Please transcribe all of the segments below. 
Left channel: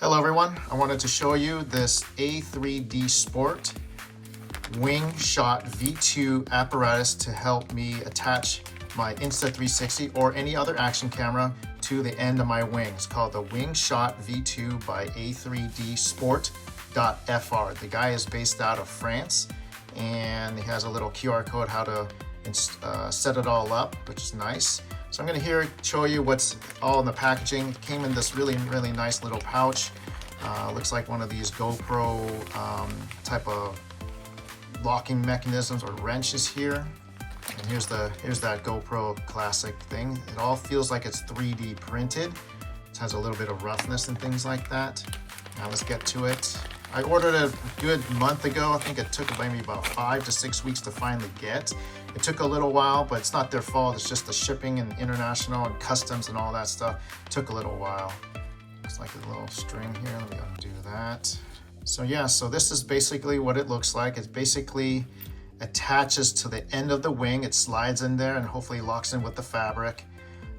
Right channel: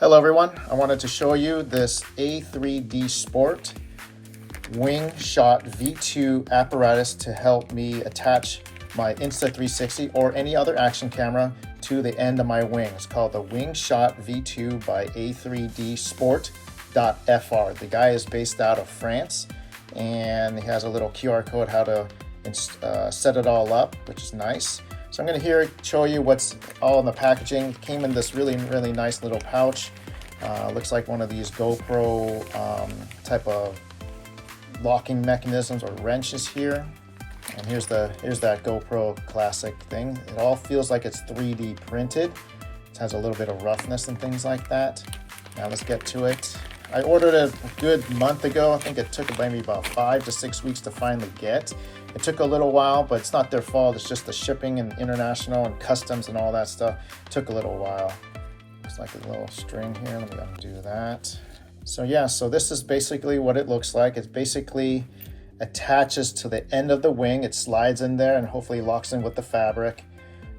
Hello everyone, I wanted to show you this A3D Sport Wingshot V2 apparatus to help me attach my Insta360 or any other action camera to the end of my wing. It's called the Wingshot V2 by A3D Sport.fr. The guy is based out of France and he has a little QR code how to set it all up, which is nice. So I'm going to show you what's all in the packaging. It came in this really nice little pouch. Looks like one of these GoPro type of locking mechanisms or wrenches here. And here's that GoPro classic thing. It all feels like it's 3D printed. It has a little bit of roughness and things like that. Now let's get to it. I ordered it a good month ago. I think it took maybe about 5 to 6 weeks to finally get. It took a little while, but it's not their fault. It's just the shipping and international and customs and all that stuff. It took a little while. Looks like a little string here. Let me undo that. So yeah, so this is basically what it looks like. It basically attaches to the end of the wing. It slides in there and hopefully locks in with the fabric.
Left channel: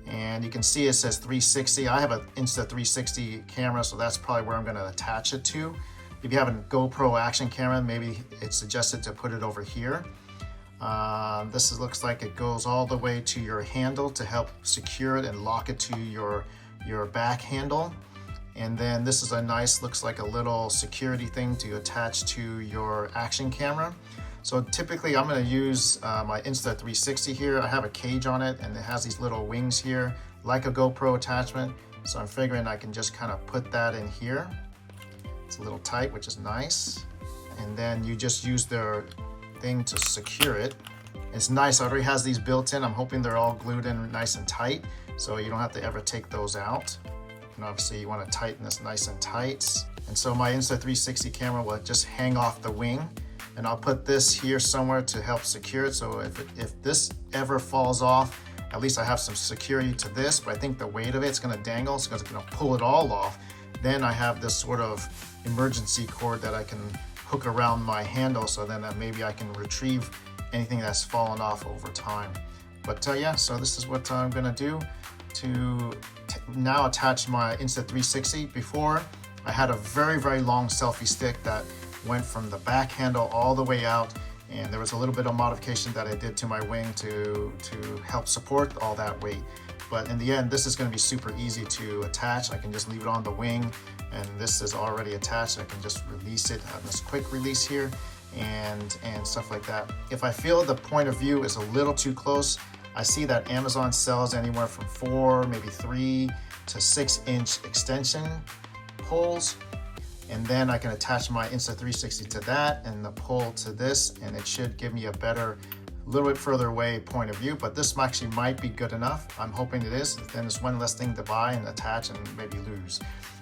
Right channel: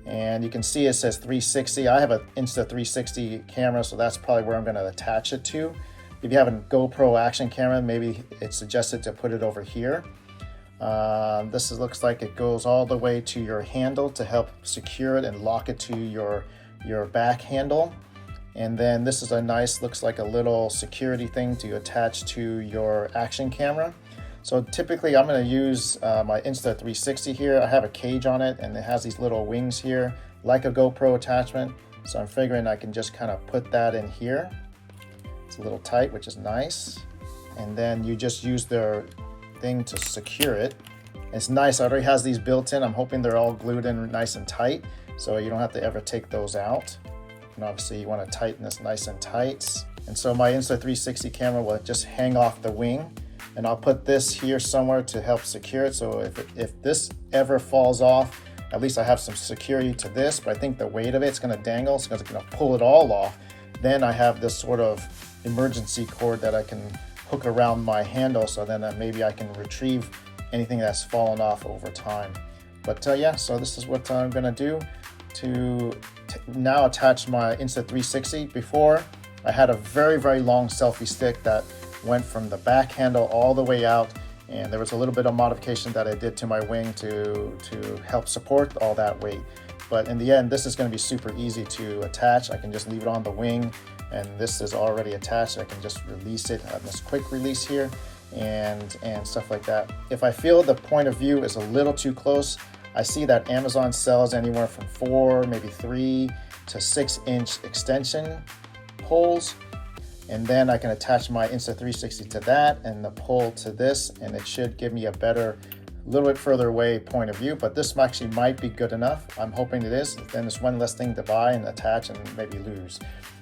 And you can see it says 360. I have an Insta360 camera, so that's probably where I'm going to attach it to. If you have a GoPro action camera, maybe it's suggested to put it over here. Looks like it goes all the way to your handle to help secure it and lock it to your back handle. And then this is a nice, looks like a little security thing to attach to your action camera. So typically I'm going to use my Insta360 here. I have a cage on it and it has these little wings here like a GoPro attachment. So I'm figuring I can just kind of put that in here. It's a little tight, which is nice. And then you just use their thing to secure it. It's nice, it already has these built in. I'm hoping they're all glued in nice and tight, so you don't have to ever take those out. And obviously you want to tighten this nice and tight. And so my Insta360 camera will just hang off the wing, and I'll put this here somewhere to help secure it. So if this ever falls off, at least I have some security to this, but I think the weight of it's going to dangle, so it's going to pull it all off. Then I have this sort of emergency cord that I can hook around my handle, so then maybe I can retrieve anything that's fallen off over time. But yeah, so this is what I'm gonna do to now attach my Insta360. Before, I had a very long selfie stick that went from the back handle all the way out, and there was a little bit of modification that I did to my wing to help support all that weight. But in the end, this is going to be super easy to attach. I can just leave it on the wing, and this is already attached. I can just release it on this quick release here and stuff like that. If I feel the point of view is a little too close, I see that Amazon sells anywhere from 4, maybe 3 to 6 inch extension poles. And then I can attach my Insta360 to that and the pole to this, and it should give me a better, little bit further away point of view, but this actually might be good enough. I'm hoping it is. Then it's one less thing to buy and attach and maybe lose.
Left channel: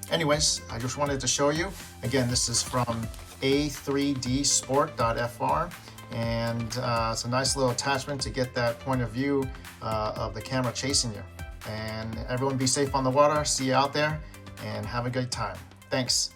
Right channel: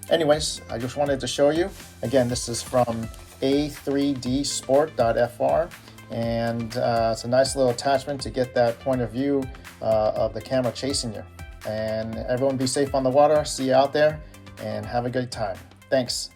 Anyways, I just wanted to show you. Again, this is from A3D Sport.fr, and it's a nice little attachment to get that point of view of the camera chasing you. And everyone be safe on the water. See you out there and have a good time. Thanks.